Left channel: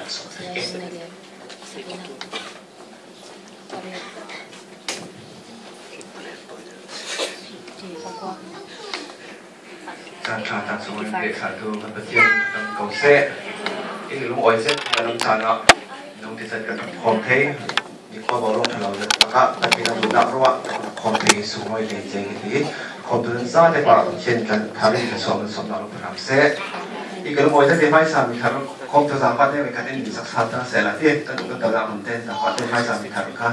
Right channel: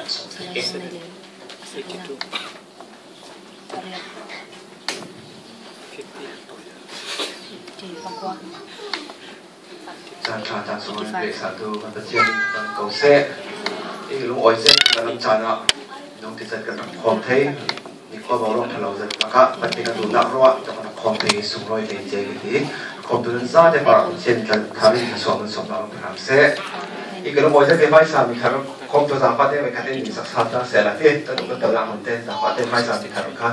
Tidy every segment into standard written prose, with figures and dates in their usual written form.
Sang cha tan so be sa tu kan patien kan ko se in lu oi se kan cha na nong ti sat kan khom the ni ko bo lo thalo da ka patien kan du na ro khom the su roi le je ki khom tu sa de pa chen kan khari ni so na lo kan se i kan mo se ke mai sa mi kan khom tu sa pa de me ka ten ni sa sa ta se la te ta du kan ta la mon ten ta pa te mai sa mi kan ka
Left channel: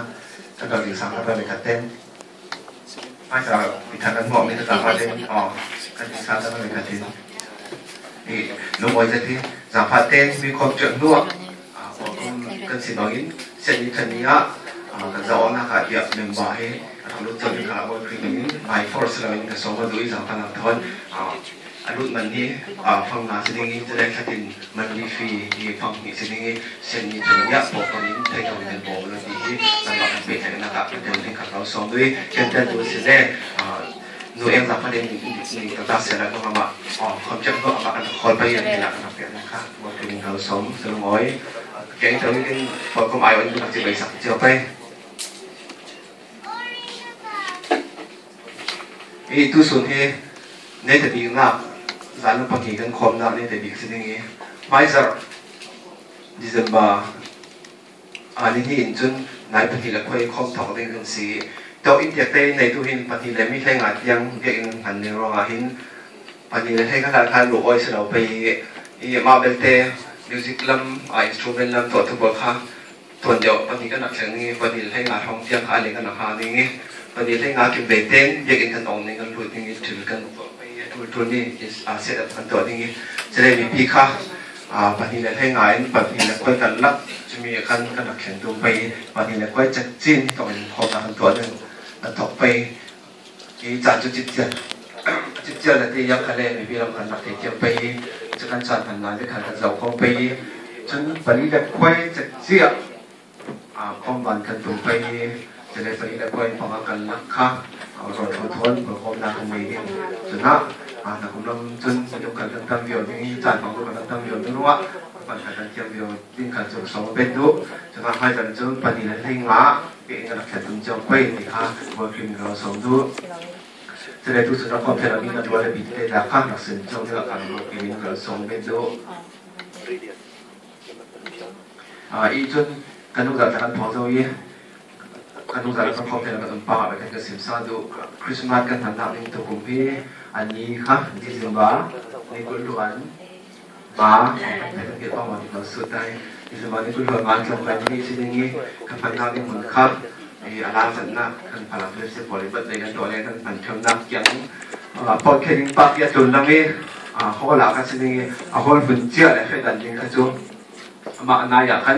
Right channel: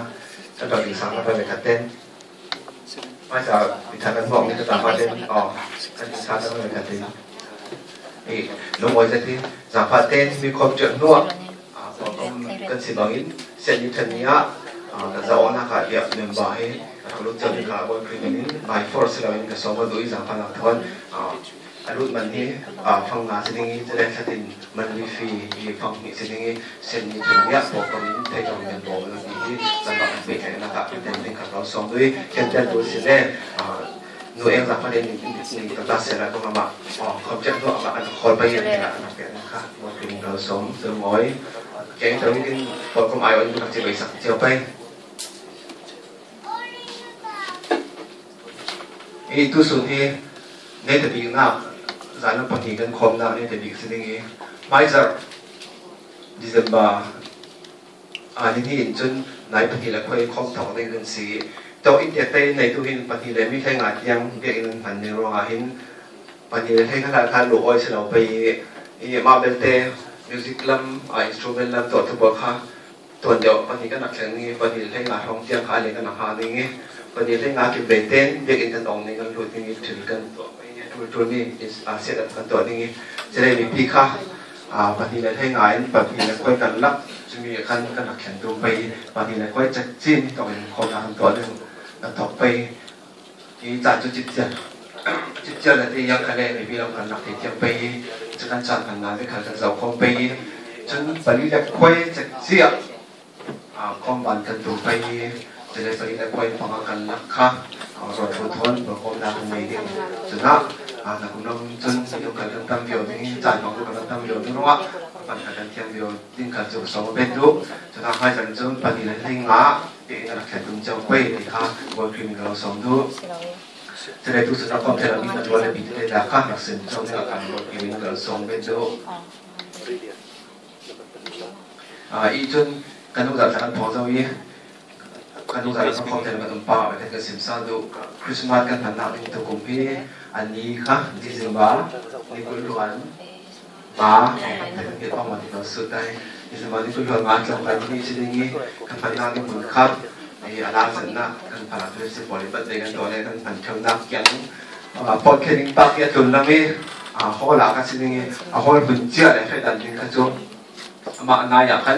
ta ka ni sa ka pa me ka ten mai sa mi ta kan mo mi ta pa ten kan sa ta me ka ten lúc mới ra thì giảm phát tên vì không chuyện nữa cần xin nói sẽ như thế này cái dấu na cả địa điểm bài lúc trước thì cả bọn khi mình bài force là mình cái số mà đối giảm phát làm thôi lúc mình đi phòng nào sẽ đi tới đây sẽ tìm mình đi phi thì phòng mình sẽ đi sẽ như thế này bộ phận những thay đổi mình bộ là đi giảm phát về cái là cả cái tên các giáo số đối cái tên đối sẽ đây người em giảm phát đến thì ta sẽ là các bạn không chấp nhận các bạn khỏi bây giờ thì là đặc biệt là khác một tình đời sống từ mỗi cái tới cái phần không ai ở những cái sạch chưa bay ý tu sửa thì nên thì bị nào giải nó bắt thì gần khom nào nên thì bị cái gì bây giờ December nên thì in chun này bắt thì là quay không thọ đến gần gì tàu India này tu hin bắt thì là mi thay ngạt yang việc in hành nên rồi hin bắt thì hay cái là lụa oi sẽ đâuไปมาเป็นเตมิวสิกลัมอินสตรูเมนต์ลัมตัวทุกบทค่ะตัวเดียววันนี้ก็นักแข่งนี้วันนี้ให้งานท่องเที่ยวค่ะอะไรกันนะฮะนี่วันนี้ให้งานกินเบเต้นเด็กอินกันองนี่กันรู้ที่นี่ถือกันตัวนี้เสร็จกันตัวนี้จะได้มีพี่ค่ะวันนี้ให้งานวันนี้ก็กันรับจะมีกันกันนักแข่งตัวไปวันนี้ก็จะจิ้มตัวเป็นคนมาตัวหนึ่งต่อไปนี่จัดจุดจิตใจจิตใจที่ยังอะไรมีพี่เรากันนักเที่ยวไปจะการจัดงานที่ขันกันเราคงไปจนปริยัติคุยจะเสียความบันกันตัวไปจะได้ปริยัติคุยพอกันนักค่ะรถทุนทนบริโภคนาคนนี้จนนักคุณน้องจนยกกันตั้งเดียวนี่จัดของกันตั้งเดียวนึกว่าปัญหาการเที่ยวเดียวยิ่งการจุดสองเป็นดุจะทำให้จันทร์ปฏิเลยให้งาเป็นการแข่งขันเจ้าไปที่ค่ะบริษัทเราสองดุจะได้ทุกสิ่งทุกคนที่เรามีกันตัวได้บิดได้ราคาหนักสินช่วงที่เราการบริษัทเราสองเป็นดุอีจนการทุกอย่างการพอเจ้าอีการทุกอย่างเราพอที่เราต้องป่าไปกันสิบสามดุคริสต์มาสกันผ่านหน้าเป็นตัวกลุ่มพี่อันนี้ค่ะที่สิงบาในกุลวันมาแต่ก็เกี่ยวกับมาที่เราสุดได้ที่สิงบาในกุลวันมาเกี่ยวกับที่นี่สิ่งนี้กันผ่านหน้าที่มันคัดอาลาสันนะกันผ่านเรื่องสิบบริบทเลยกันตัวนี้กันผ่านช่องนักยังพอแค่ดิ้งปักยัดตุนน้ำมีเขาหลักกันสิ่งนี้เขาหุ่นเจี๊ยเลยให้ดันดิ้งกันจุมาหน้าอยากกัน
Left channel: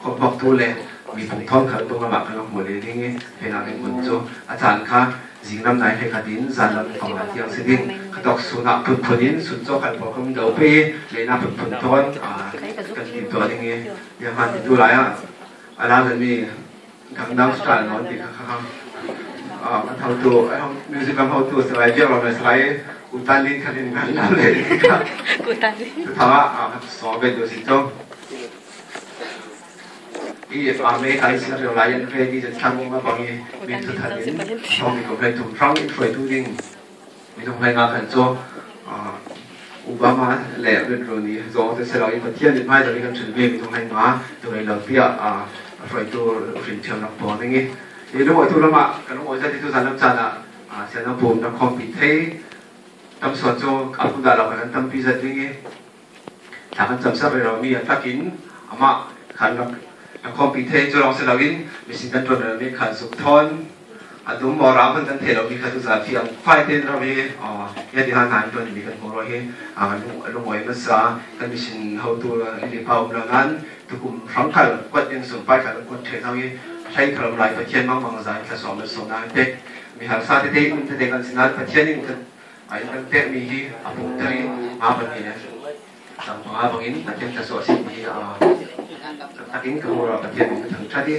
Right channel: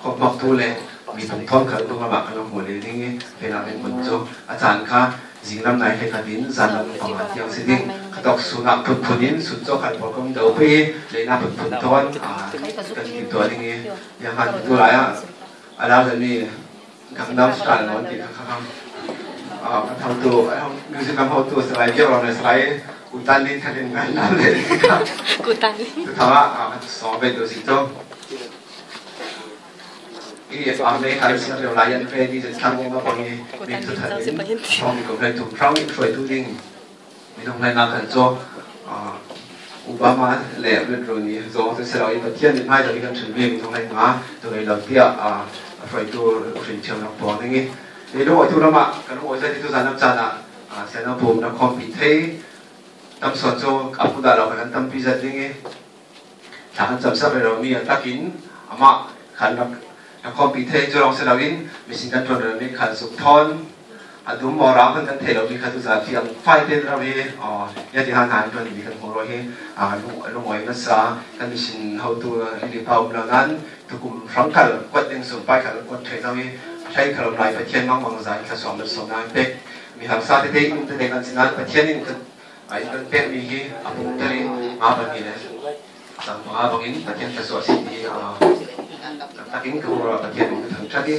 คนบอกตัวเลยมีผลท้องขันตรงมากันหัวเลยนี่เป็นอะไรหุ่นจุอาจารย์ค่ะสิ่งนั้นไหนให้ขัดดินสันนั้นของหลักยังสิ่งนี้ขัดดอกสุนัขผุดผุดินสุดโจกันพอคงเดาไปเลยน่าผุดผุดท้อนกันติดตัวนี่ยังหันดูหลายอาลาสันนี่ทางน้ำสกัดนอนติดข้างเท่าตัวมิวสิกเท่าตัวสไลด์เดียวเราในสไลด์อุตันลินคันงานนั่นเลยครับอุตันลินถามว่าสองเป็นตัวสิโจอีเมย์คันสิ่งที่เราเรียนเรียนที่จะทำมาบางอย่างมีทุกท่านท้องมีกลุ่มเลยถูกพร้อมอีกฝ่ายทุกยิ่งมีตรงไหนงานกันโจอุบามาเล่เรื่องนี้โจจะเสร็จเราอีกประเทศนึงไม่จะมีการchuẩn bịมีตรงไหนมาจะไปเราเที่ยวฝ่ายตัวฟินเชียวนักบอลนี่ยี่รู้ว่าทุกท่านมากันว่าจะที่ทุกท่านนับจันเสียงนับผมนับคอมพิวเตอร์ตั้มสอนโจอัพดาเรากันตั้มพิเศษนี่ถ้ากันจำสับเรามีทักอินมาขันนับคอมพิวเตอร์จะลองเสร็จแล้วกินมีสิ่งกันตรงนั้นมีขันสุกทอนดูมอราพันกันเทเรามีขันทุกท่านที่ยังไฟเต้นเรามียาที่หางานตัวนี้กันของเราเองลุงหอยมาซากันมีสิ่งเขาตัวรีพาวเรานั้นทุกกลุ่มฟังขันกดยังส่งไปขันกดเทเรามีใช้ขนมลายประเทศมั่งบางสายแค่สองมันสองนายเป็ดมีทางซาที่เด็กมันจะเด็กกันสินั้นประเทศนี้มันกันเป็ดมีที่ปุ่มตัวนี้แบบนี้นะสังหารบางอินประเทศจะสวดสิ่งที่ตักอินคือประเทศมันถึงชาติ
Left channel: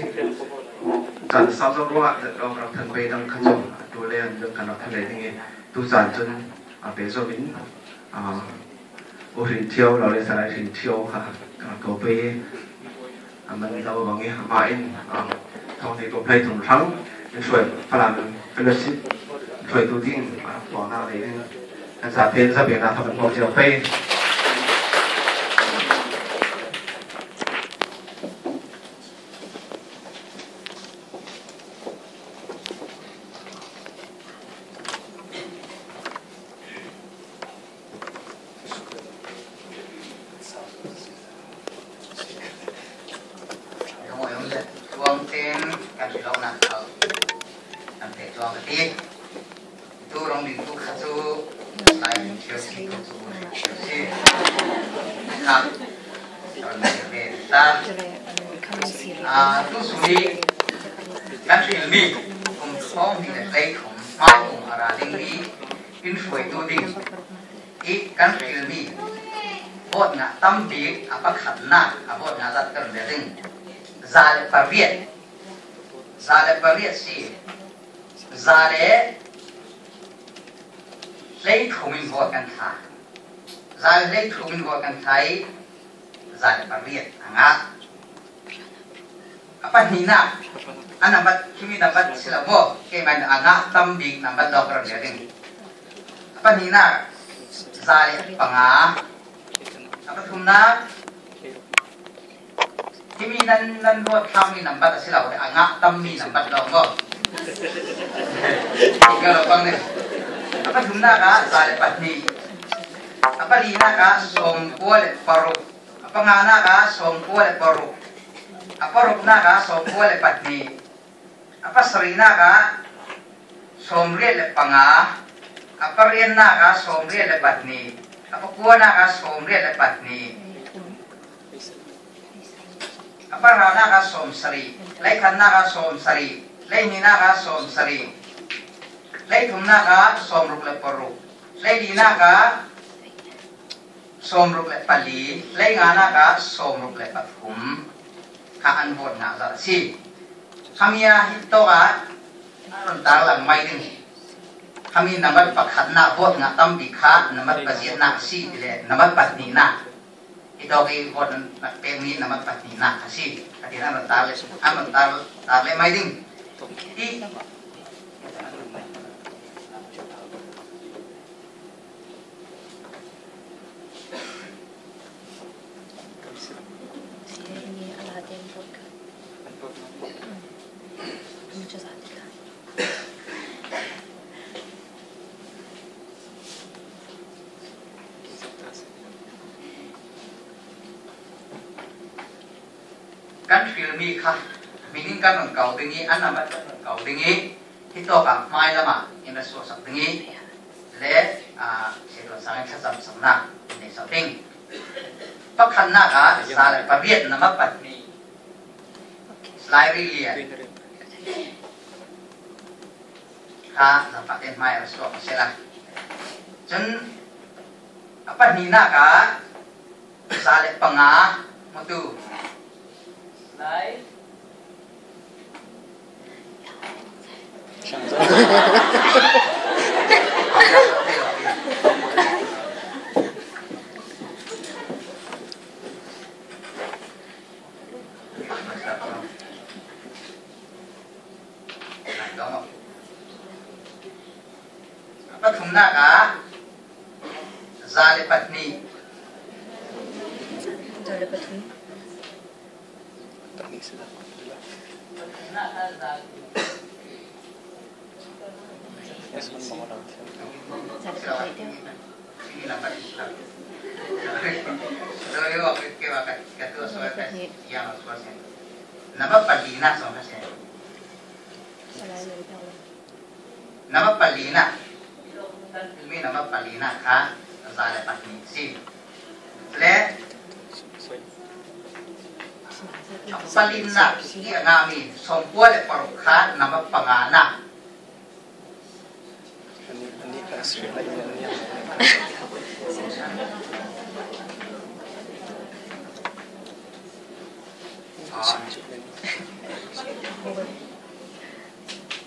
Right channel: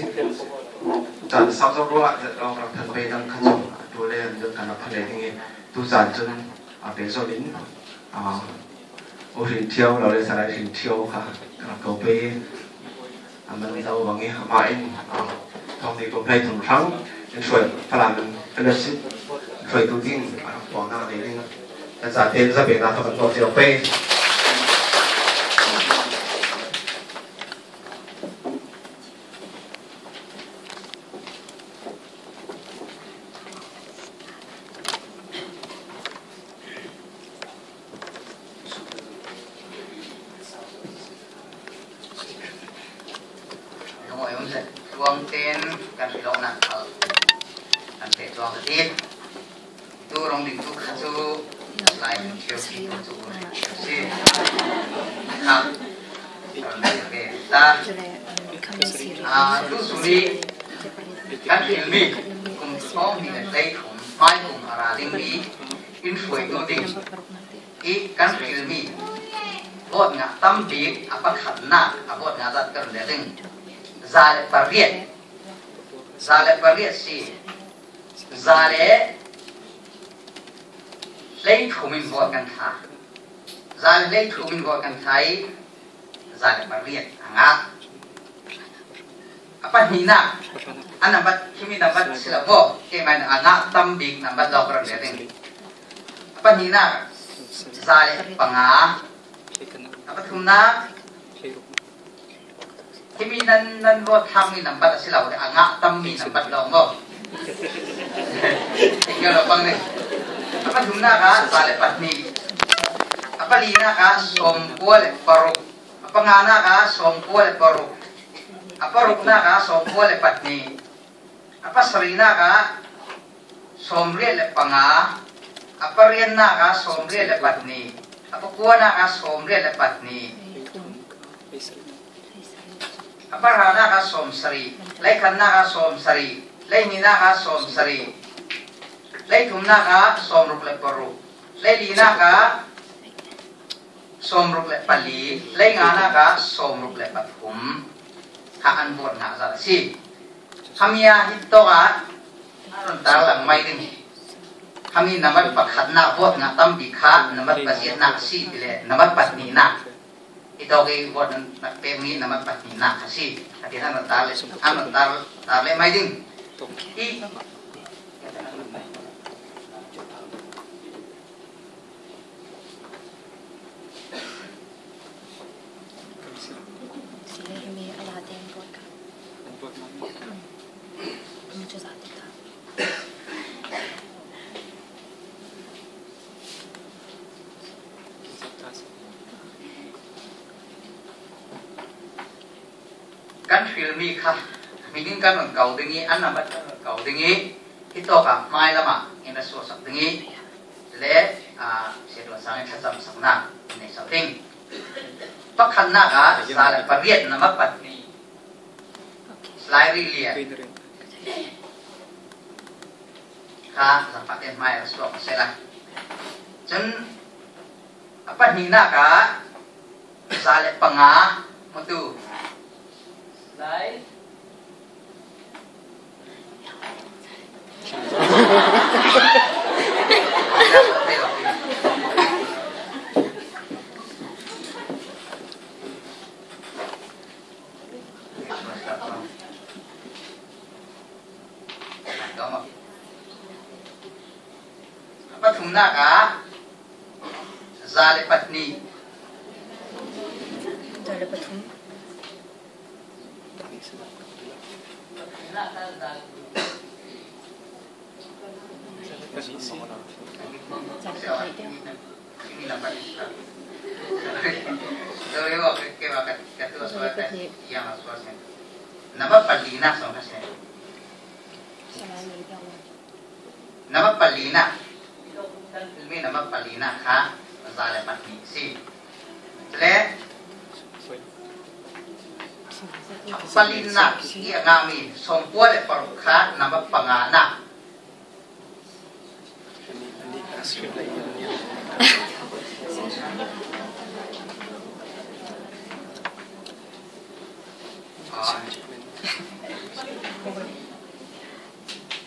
จันทร์ซ้ำซ้ำรู้ว่าเราทันไปทางขจรดูแลเรื่องการทะเลที่ตุจันจนเป็นโซลิน rin chiao lo le salai rin chiao ha ko pe man lo bang e ma in thong de ko play thong thang en soi palan fellowship soi tu ding ko na le ding kan sa te za be na thong ko chiao pe Zale si Zale lấy thumin vot kan tha Zale lấy thumin vot kan thai Zale pariet anga apa hina anabat kimi dapat silabo ke man anga tambik nambat dokter leding apa hina Zale panga apa thumna kimi nan lo thami nambat silabo anga tammi nambat dongo kalau bang ni apa thumna ka Zale patni apa lina ka sompual paruk apa ngana ka sompual paruk apa rukna ka sompual patni apa serina ka somre le panga apa rienna ka somre le patni apa kuana ka somre le patni apa rana ka somsari lai khanna ka somsari lai mina ka somsari lai thumna ka somruk le paruk lai lina ka somruk le pali lai ngana ka somruk le pathum haan bot nga zara si hamia hito ka aron talang may din kami naman pakhat na bot nga tambikha naman pasit na si dile naman patni na ito kay bot na pemi naman patni na kasi at anon tale may din i kan filmi kah mingin kan kau dengi anak bat kau dengi itu kah mai lama ina suasak dengi le sedo sangat sesam sana ini something pakhan na ka Zale pariet nama patni slide liya ka sapatin mai rasuak sela jen apa hina ka Zale panga mutu slide apa thumna ka Zale patni Zale pathum nama palina sama saya nama palina ini nama palina ka Zale patni si le palina ia ngami sompual parukha nama pangana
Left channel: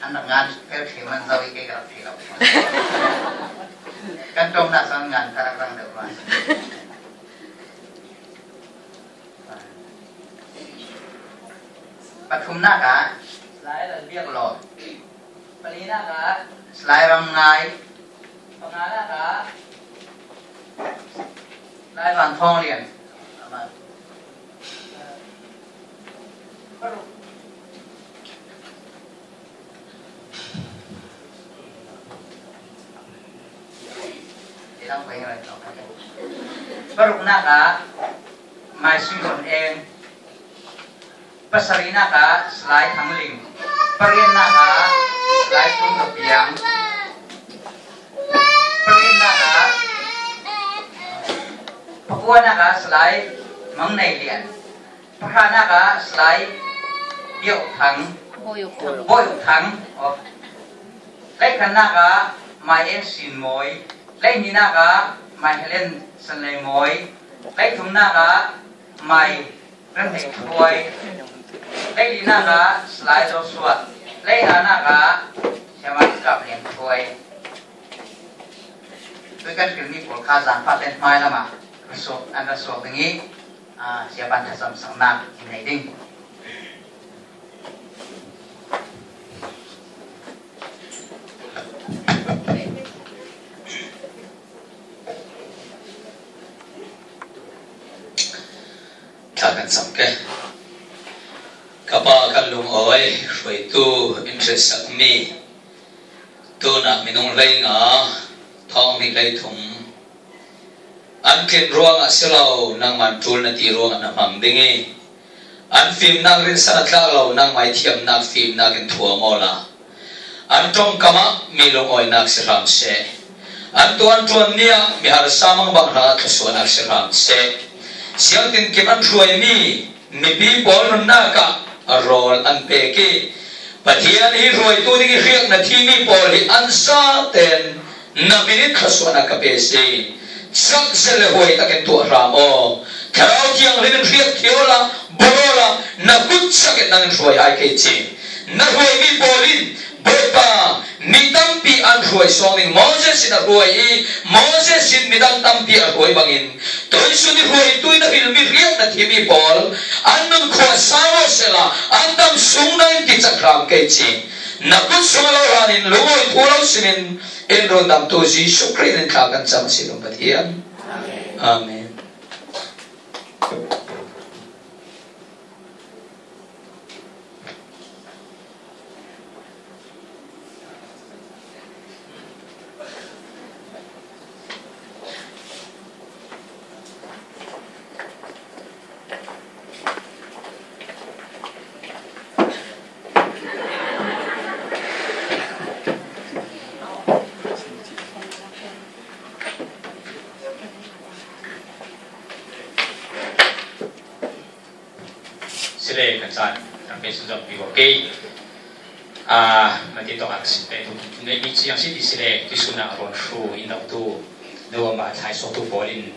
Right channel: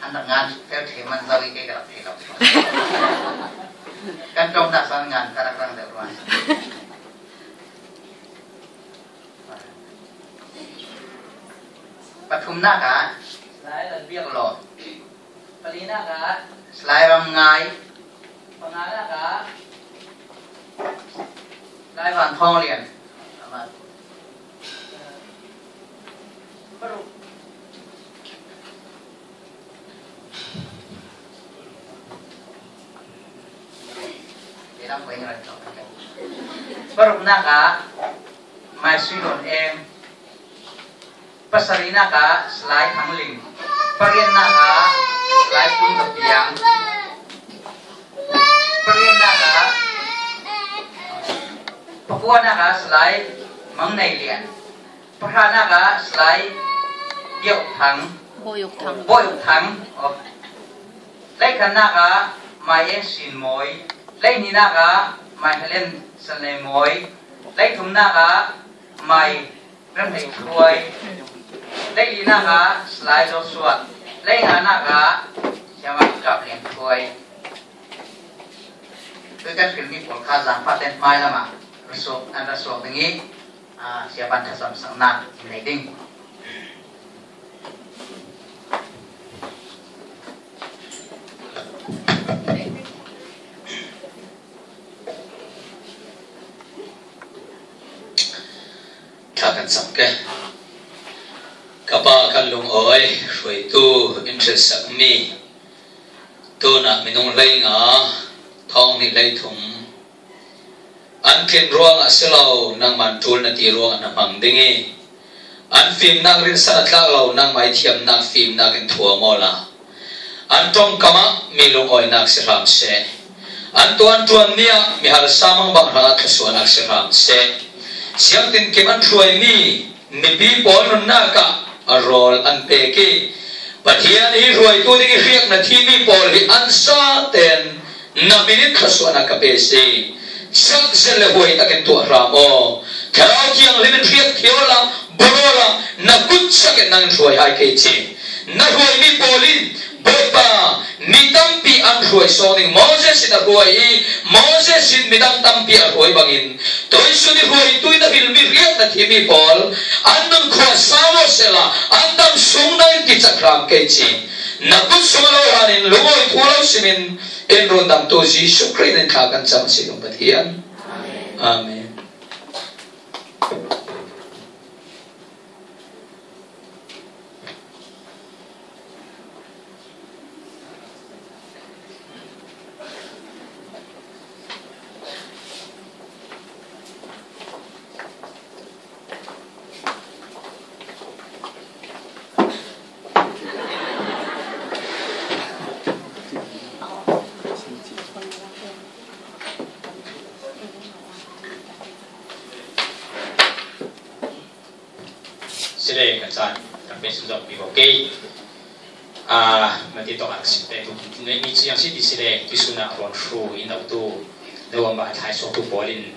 anak ngan teman zawi ke gerak kan trong nak sang ngan kadang-kadang dah ปฐุมนาคาสลายเรียกหลอดปรีนาคาสลายรำไงรำไงนาคาสลายวันทองเรียนBaru naka mai suyon em pasari naka selai hamling parian naka selai tung kepiang parian naka pakua naka selai mengnai lian pakra naka selai yuk thang boyuk thang lai kan naka mai em sin moi lai ni naka mai helen san lai moi lai thum naka mai ram hei thuai lai li naka slai do suat lai ha naka chama kap lian thuai tôi kan film ni pol kha zan pa ten mai lama so an so tingi siapa dah sam sang nak nei ding Takan samke kapa kalung oi roi tu interest sakmi tu na minung lai nga thong ni lai thum an ken ruang asilau nang man tul na ti ruang na mang dingi an film nang rin sanat lao nang mai thiam na film na ken thua mola an tong kama milung oi nak siram se an tuan nia mi har samang bang ra thasuan nak siram se siang tin kim an ruai ni bi bol nun na ka rol an pe ki pathian hi ruai tu ding riak na thi mi bol hi an sa ten na minit khaswana ka pe se sak sel hoi ta ken tu ramo kharau kiang len riak thiola bolola na kut sak nang ruai ai ke chi na ruai mi bolin bota midam pi an ruai soning Moses in a ruai Moses in midam tampi a ruai bangin toy suni ruai tu na filmi riak na thimi pol anun khwa sawo sela andam sungnai ti chakram ke chi na tu sumalo hanin lugoi pulao simin en rondam to ji shukrin ka kan sama silong pathian amen sile kan tapi sudah oke nanti to aksin itu ne mi chiang si di sile di suna ron shu in tu dewa ba thai so tu bolin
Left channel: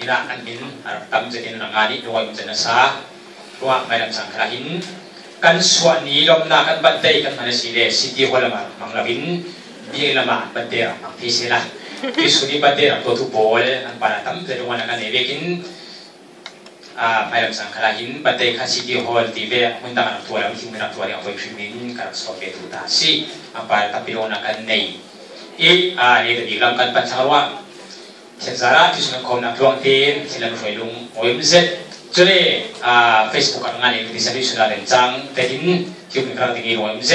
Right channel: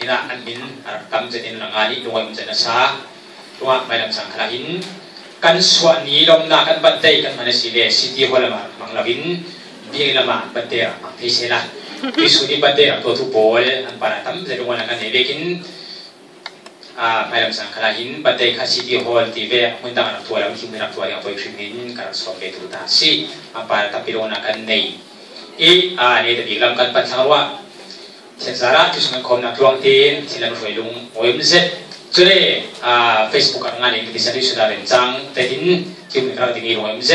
ina an min tam jetin rangani doi mun jana sa wa mai lam sang kalahin kan swani lom na kan bandai kan mana sile siti holama manglawin bi lama bandera thi sela di suni bandera to tu bol an para tam jedung kan ne lekin mai lam sang kalahin bandai khasi di hol ti ve mundang tua lam himu na tua yang boy krimin kan stop itu ta si apa tapi lona kan nei ne de lam kan pan sarwa sensara tu sungai kom na tuang tin silam roilung OMZ jule Facebook kan ngani di sini sudah rencang tehin tim kan tinggi OMZ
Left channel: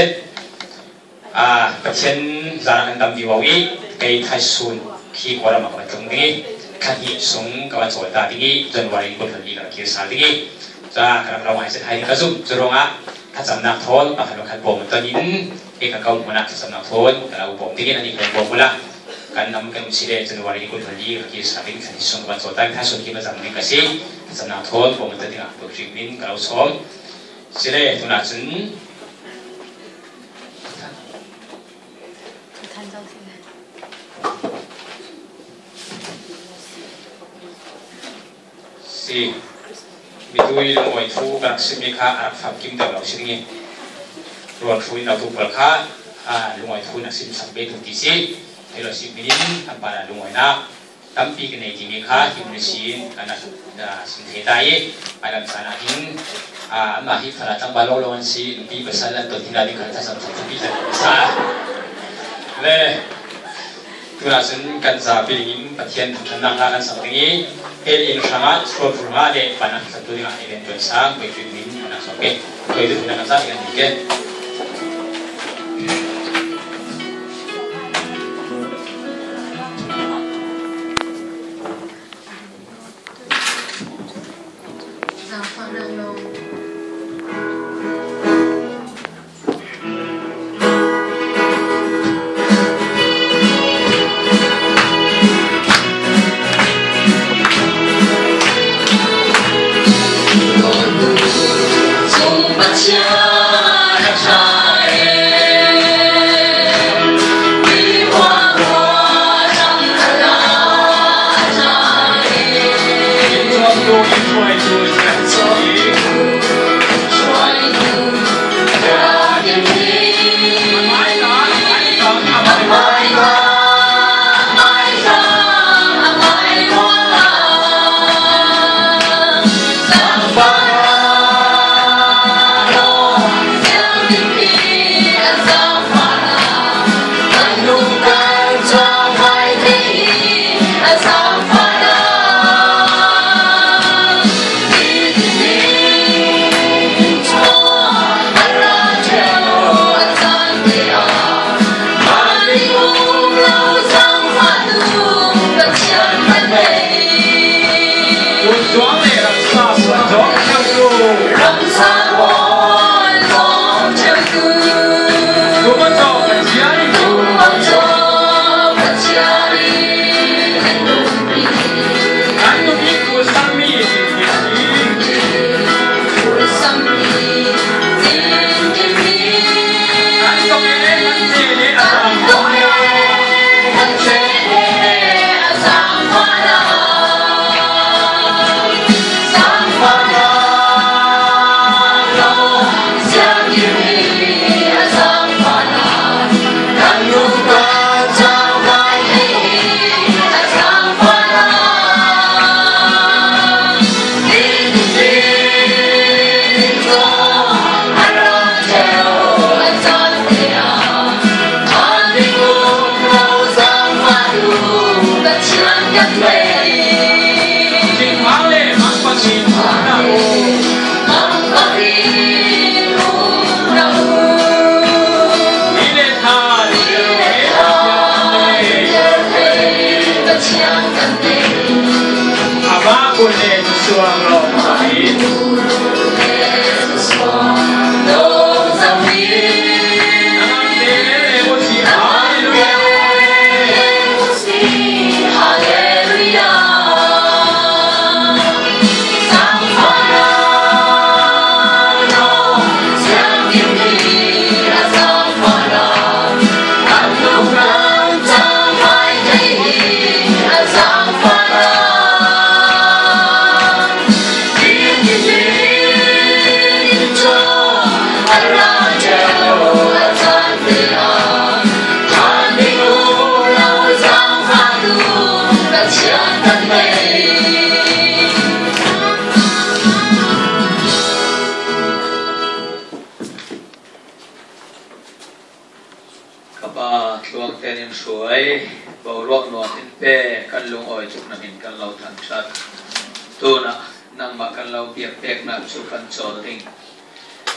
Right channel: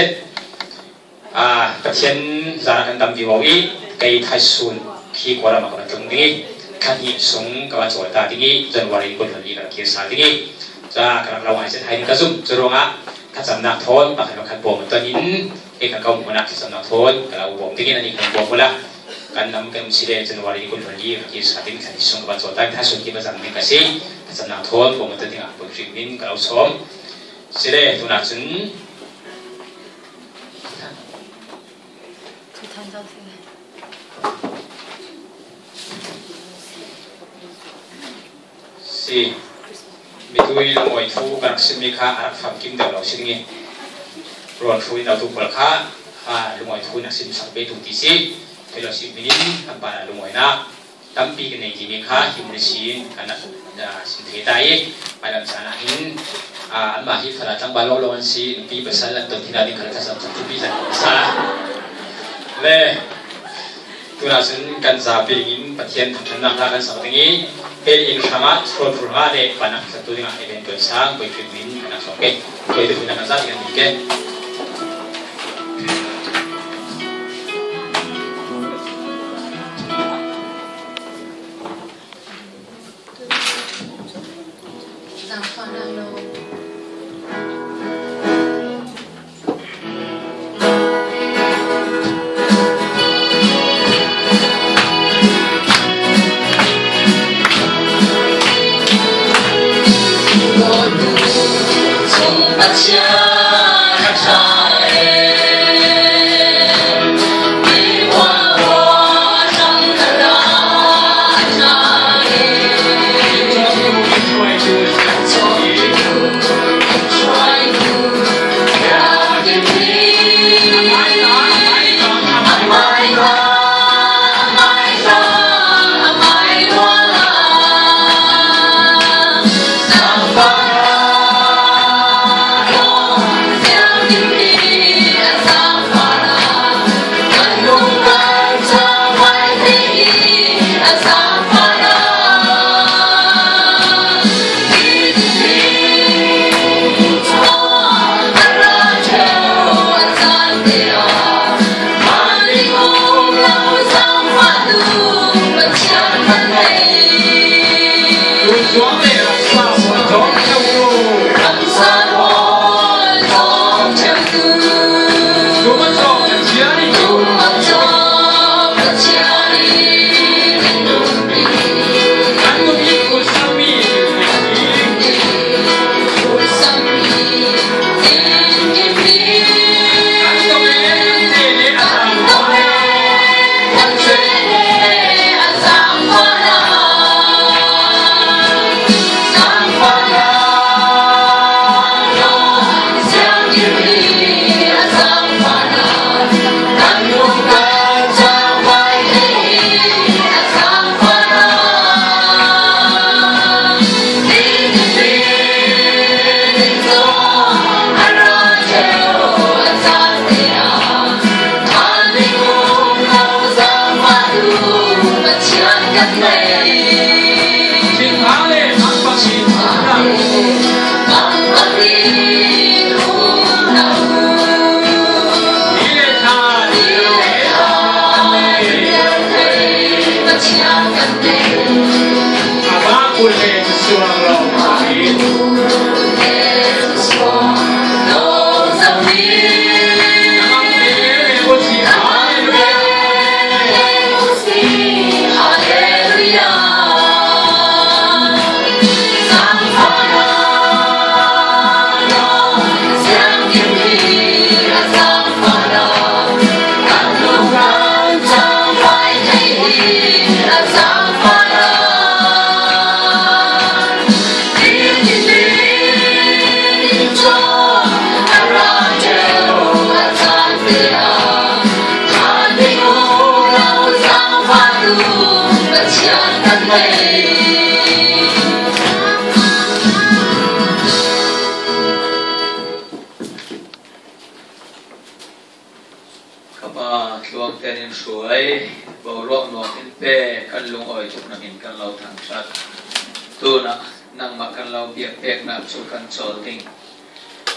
patien zara kan tam biwawi kai thasun ki kwara ma ka tinggi kaki sung kawan solta tinggi Januari pun lagi kan kisah tinggi za kan lawan set hai ni kasum seronga thasam nak thon ta kan bom tanin kan kau mana thasam nak thon kalau bom tinggi nanti kan bom pula kan nam kan sile Januari pun lagi kan kisah tinggi kan sung kawan solta thasun ki mazam ni kasi thasam nak thon bom tanin ah berfirmin kalau som sile tu nak sun si mitui loi thu kan simika arak pham kim de lo singi ron thui na tu palkha loi thu na sim sampe tu ti si thelo si minin kan para loi na tampi ke nei ki mi kha himri si kana sin the dai Malam sana hin mahi fara tang balo lawan si pi besalan tu tidak di kertas satu pi sa le tulasun kan sa pilingin patian tang kan sa tingi el in sama scroll furga de panak satu yang event tu sa koi filmin panak soke koi itu punya masa yang dike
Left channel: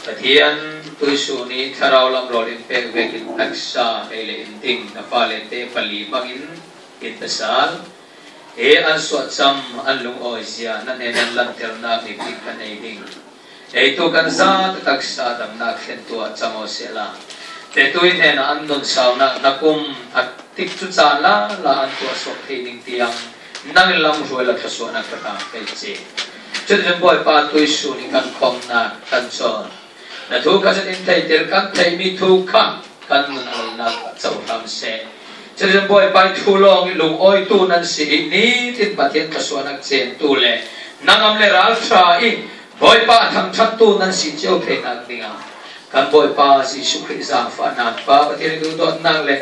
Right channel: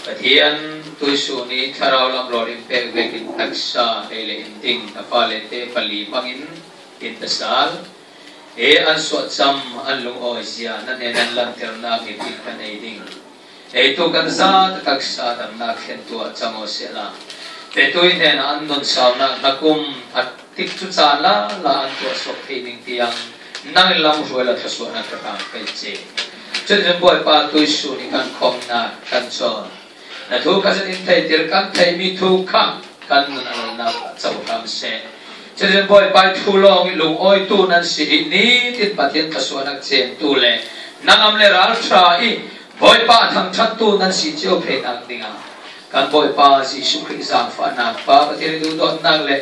Katian tuisu ni tharau lam rorin pek vekin taksa hele inting na palete pali bangin intasal an suat sam an lung oisia na nenan lanter na mi pikan eding itu kan sa taksa tam na khentu chamo sela te tuin hen an don sauna nakum at tik chu chala la an tu sok theining tiang nang lam ruela thasona ka kai che children boy pa tuisu ni kan khom na kan so na thu ka san in thai ter kan thai mi thu kham kan nan na chau ram se children boy pa thu long lu oi tu nan si ni tin patien ka so na chen tu le nangam le ral tha i boy pa thang chat tu nan si cheu phe nang dinga kan boy pa si sukri sa fa na pa patien du dot nang le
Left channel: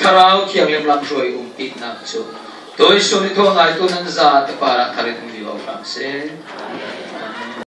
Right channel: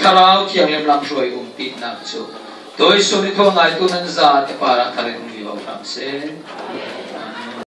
kharau khiang lem lam roi tik na chu toi so ni thong ai tu nan za te para kare ni wa ram se